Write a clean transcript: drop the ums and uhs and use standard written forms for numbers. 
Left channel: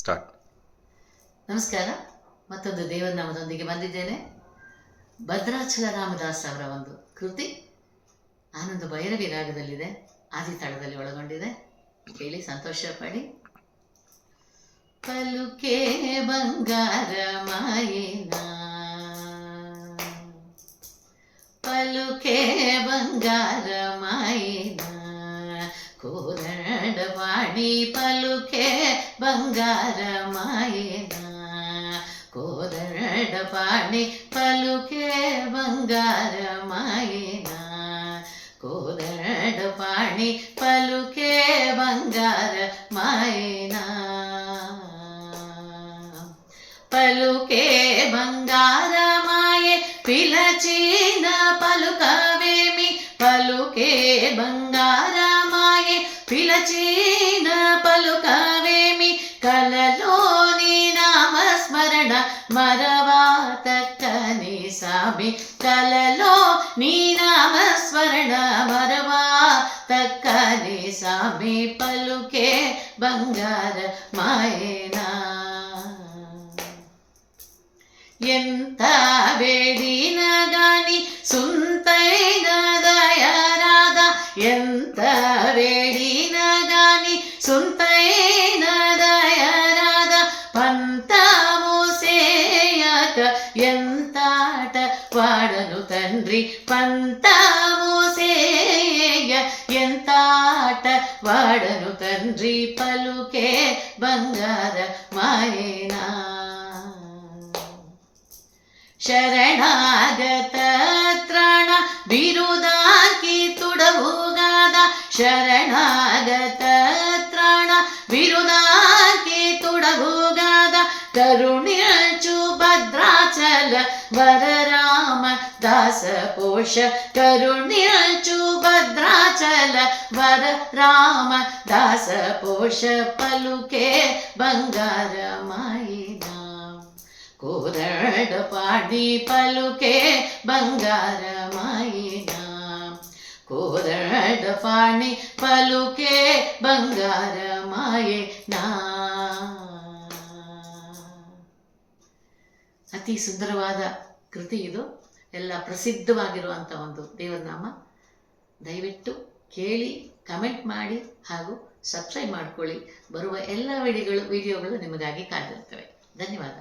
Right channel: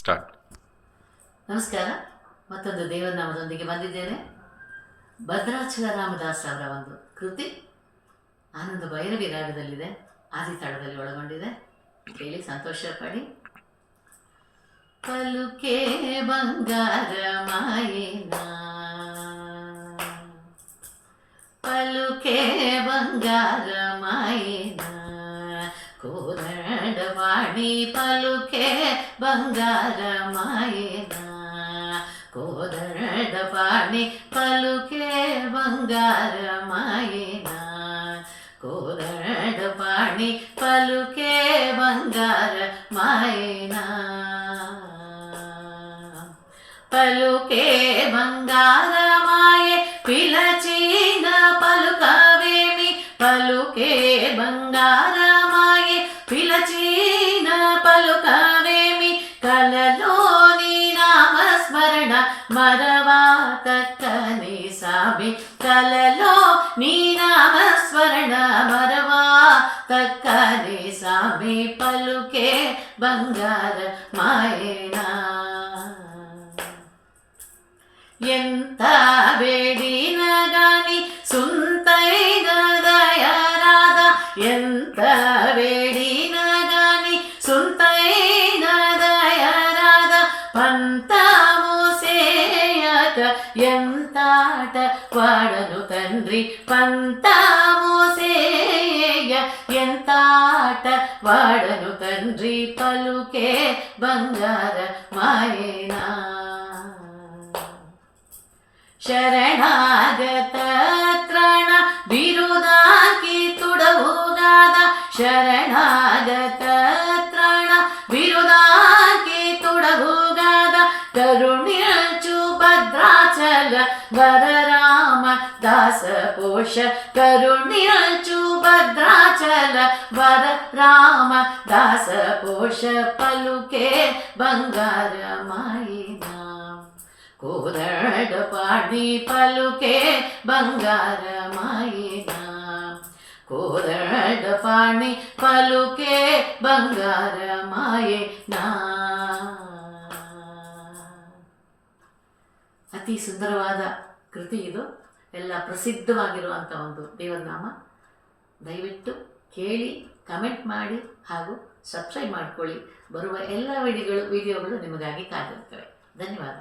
Start. ನಮಸ್ಕಾರ. ಮತ್ತೊಂದು ದೇವರನಾಮದೊಂದಿಗೆ ಬಂದಿದ್ದೇನೆ. ಭದ್ರಾಚಲ ರಾಮದಾಸ್ ಅವರ ಒಂದು ಕೃತಿ ಆನಂದ ಭೈರವಿ ರಾಗದಲ್ಲಿದೆ, ಆದಿತಾಳದಲ್ಲಿ ಒಳಗೊಂಡಿದೆ. ಕೇಳಿ ಸಂತೋಷ ಪಡಿ. ಪಲುಕೆ ಬಂಗಾರ ಮಾಯೇನ, ಪಲುಕೆ ಬಂಗಾರ ಮಾಯೇನ, ಕೋದಂಡವಾಣಿ ಪಲುಕೆ ಬಂಗಾರ ಮಾಯೇನ, ಕೋದಂಡಪಾಣಿ ಪಲುಕೆ ಬಂಗಾರ ಮಾಯೇನ, ಕೋದಂಡಪಾಣಿ ಪಲುಕೆ ಬಂಗಾರ ಮಾಯೇನ, పలుకే బంగార మాయే పిలచిన పలుకవేమి, పలుకే బంగార మాయే పిలచిన పలుకవేమి, కలలోని నామస్మరణ మరవా తక్కని సామి, కలలో నీ నామస్మరణ మరవా తక్కని సామి, పలుకే బంగార మాయేనా. ఎంత వేడిన గాని సుంతైన దయరాధ, ఎంత వేడిన గాని సుంతైన దయరాధ, పంతము సేయక ఎంతాట వాడను తండ్రి, పంతము సేయ ఎంతాట వాడను తండ్రి, పలుకే బంగార మాయేనా. ಶರಣಾಗತ ತ್ರಾಣ ಬಿರುದಾಕಿ ತುಡವುಗಾದ, ಶರಣಾಗತ ತ್ರಾಣ ಬಿರುದಾಕಿ ತುಡವುಗಾದ, ಕರುಣ್ಯಚು ಭದ್ರಾಚಲ ವರರಾಮ ದಾಸ ಪೋಷ, ಕರುಣ್ಯಚು ಭದ್ರಾಚಲ ವರರಾಮ ದಾಸ ಪೋಷ, ಪಲುಕೆ ಬಂಗಾರ ಮಾಯಿನ, కోదండపాణి పలుకే బంగార మాయేన, కోదండపాణి పలుకే ಬಂಗಾರ ಮಾಯೇನ. ಅತಿ ಸುಂದರವಾದ ಕೃತಿ ಇದು. ಎಲ್ಲ ಪ್ರಸಿದ್ಧವಾಗಿರುವಂಥ ಒಂದು ದೇವರನಾಮ. ದಯವಿಟ್ಟು ಕೇಳಿ, ಕಮೆಂಟ್ ಮಾಡಿ ಹಾಗೂ ಸಬ್ಸ್ಕ್ರೈಬ್ ಮಾಡಿಕೊಳ್ಳಿ. ಬರುವ ಎಲ್ಲ ವಿಡಿಯೋಗಳು ನಿಮಗಾಗಿ ಕಾದಿರ್ತವೆ. ಧನ್ಯವಾದ.